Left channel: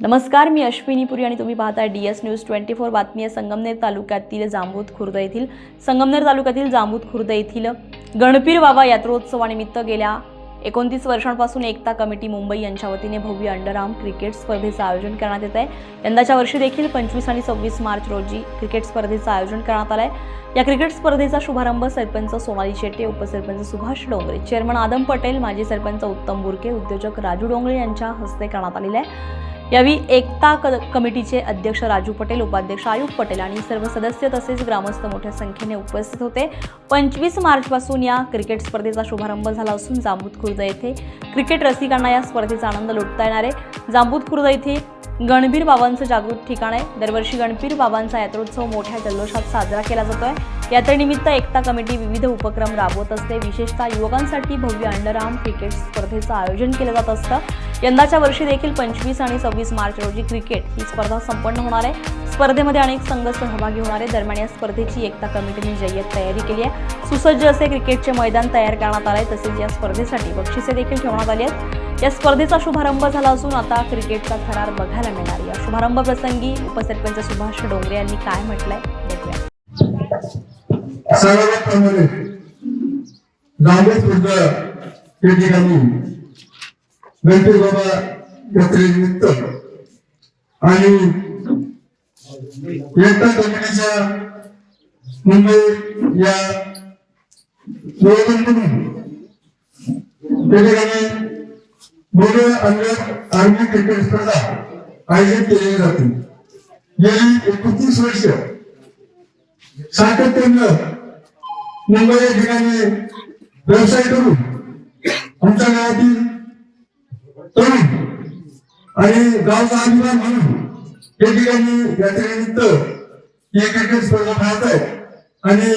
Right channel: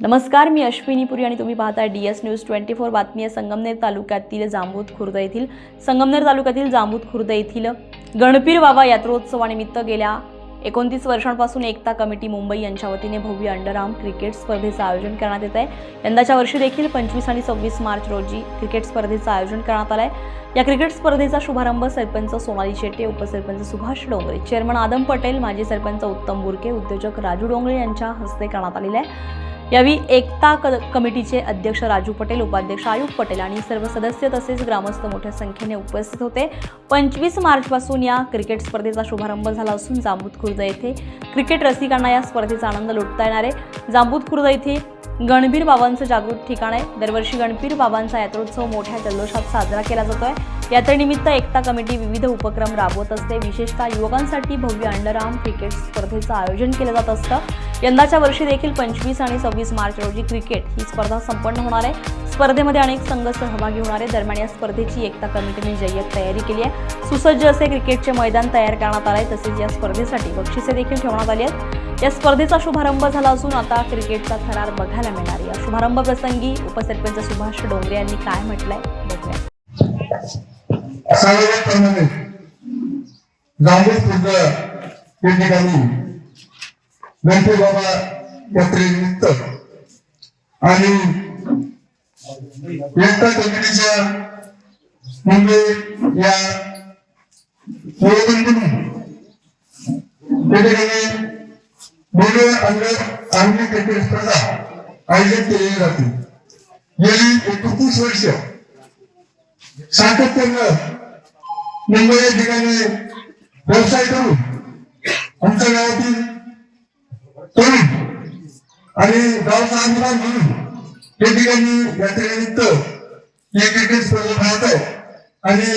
नमस्कार, मी अश्विनी पुरी आणि तुम्ही पाहताय DS न्यूज 24 बातमी आहे. संगमनेर तालुक्यातील जांबूत खुर्द येथील गणपीर बाबा यात्रोत्सवानिमित्त गेल्या 29 वर्षांपासून एकता कमिटी मुंबई यांच्या वतीने भव्य अंडरआर्म क्रिकेट स्पर्धेचे आयोजन करण्यात येत आहे. यंदाच्या वर्षी देखील 25 आणि 26 मार्च रोजी क्रिकेट स्पर्धेचे आयोजन करण्यात आले आहे. या क्रिकेट स्पर्धेचा शुभारंभ सरपंच सोनाली शेट्टे, उपसरपंच सुभाष डोंगरे, चेअरमन आदम पटेल, माजी सरपंच उत्तम बुरके, उद्योजक राजू डोंगरे यांच्या हस्ते करण्यात आलेला आहे. यावेळी एकता कमिटीचे अध्यक्ष राजू पटेल, उपाध्यक्ष आयुब पटेल आणि सर्व सदस्य तसेच ग्रामस्थ मोठ्या संख्येने उपस्थित होते. 25 मार्चपासून या क्रिकेट स्पर्धेचा शुभारंभ झाला असून जांबूत खुर्द येथे क्रिकेट रसिकांना या स्पर्धेचा आनंद लुटता येणार आहे. जांबूत खुर्द येथे गणपीर बाबांचं जागृत ठिकाण आहे. दरवर्षी गणपीर बाबांचा यात्रोत्सव मोठ्या जल्लोषात साजरा केला जातोय. यात्रेनिमित्त एकता कमिटी विविध उपक्रम राबवत असते. विशेषतः युवकांसाठी भव्य अंडरआर्म क्रिकेट स्पर्धेचं आयोजन केलं जात असतं. यंदाच्या वर्षी देखील 25 आणि 26 मार्च रोजी क्रिकेट ही स्पर्धा संपन्न होणार आहे. स्पर्धेमध्ये अनेक संघ सहभागी होणार आहे. दरम्यान या स्पर्धेची एकता कमिटीने जय्यत तयारी केली आहे. सुसज्ज असे क्रिकेटचे मैदान तयार करण्यात आले आहे. तसेच या स्पर्धेसाठी बक्षिसे देखील ठेवण्यात आली आहेत. या स्पर्धेचा शुभारंभ झाला असून आता क्रिकेटचा थरार बघायला मिळणार आहे. या शुभारंभ प्रसंगी उपसरपंच सुभाष डोंगरे यांनी काय म्हटलंय बघूया. गणपती बाबा यात्रेनिमित्त आणि एकता कमिटीच्या मुंबई या आर्मी क्रिकेट स्पर्धा आयोजित केली जाते. गेली 31 वर्ष सातत्यानं मुंबई या ठिकाणी व्यवसाय करून आमच्या गावातील तरुण आणि गावचा अभिमान म्हणून या ठिकाणी यात्रेनिमित्त ही क्रिकेट स्पर्धा पाहत आहे आणि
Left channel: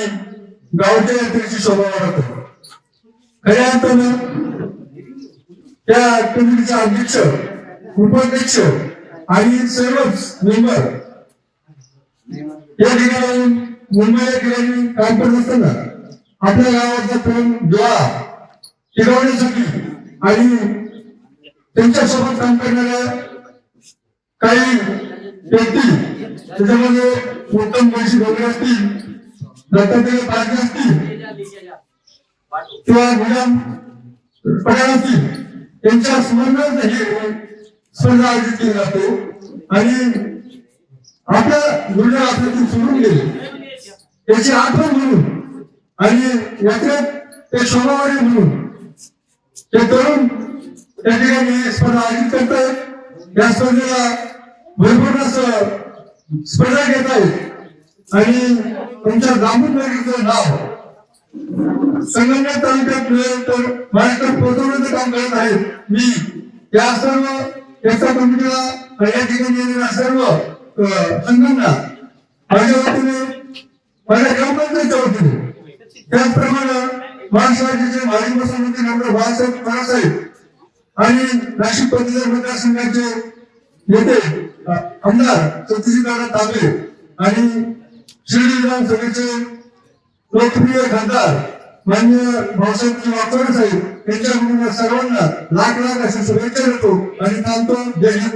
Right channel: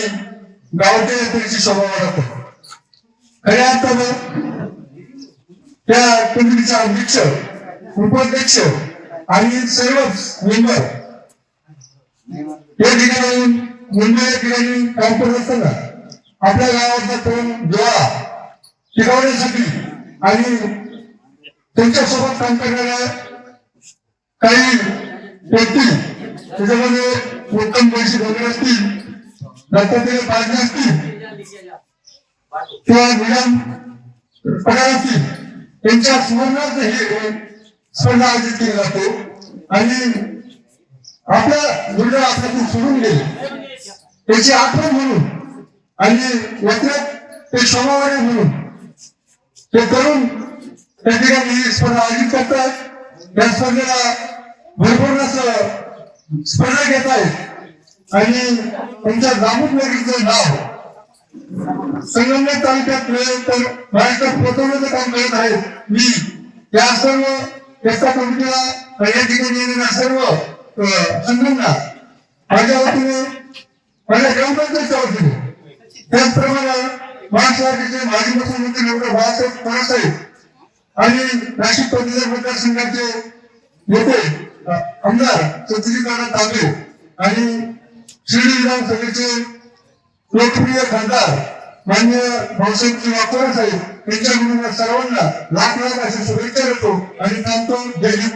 गावाच्या यात्रेची शोभा वाढत आहे. खऱ्या अर्थानं त्या कमिटीचा अध्यक्ष, उपाध्यक्ष आणि सर्वच मेंबर या ठिकाणी मुंबई या ठिकाणी काम करत असताना आपल्या गावाचा तरुण डोळा टिकवण्यासाठी आणि त्यांच्यासोबत काम करणाऱ्या काही व्यक्ती, त्याच्यामध्ये उत्तम पैसे वगैरे असतील, दत्तात्रय पालके असतील किंवा निजाम पठाण असतील, त्यांच्या स्मरणार्थ ही स्पर्धा आयोजित केली जाते. आणि आपल्या गुरुजन आपल्यातून सोडून गेले त्याची आठवण म्हणून आणि यात्रेत ते शोभावाडी म्हणून ते तरुण त्या ठिकाणी स्पर्धा आयोजित करतात. या स्पर्धेला भरपूर असं स्पर्धा घेत आहेत आणि तुमच्या जांबूत नगरीचं नाव संगमनेर तालुक्यात मिळेल तर महाराष्ट्रात पोहोचवण्याचं काम करत आहे. मी या सर्व एकता कमिटीला आणि या ठिकाणी येणाऱ्या सर्व संघटना माझ्या वतीने, माझ्या ग्रामपंचायतच्या वतीने, त्याचप्रमाणे महाराष्ट्राचे माजी मुख्यमंत्री डॉक्टर बाळासाहेब थोरात आणि नाशिक पदवीधर मतदारसंघाचे नेते आमदार सत्यजितदादा तांबे आणि शिर्डी विधानसभेचे लोकप्रिय खासदार माननीय भाऊसाहेब थोरात साहेब यांच्या सर्वांना लाख लाख अशी शुभेच्छा देतो आणि थांबतो. जय हिंद.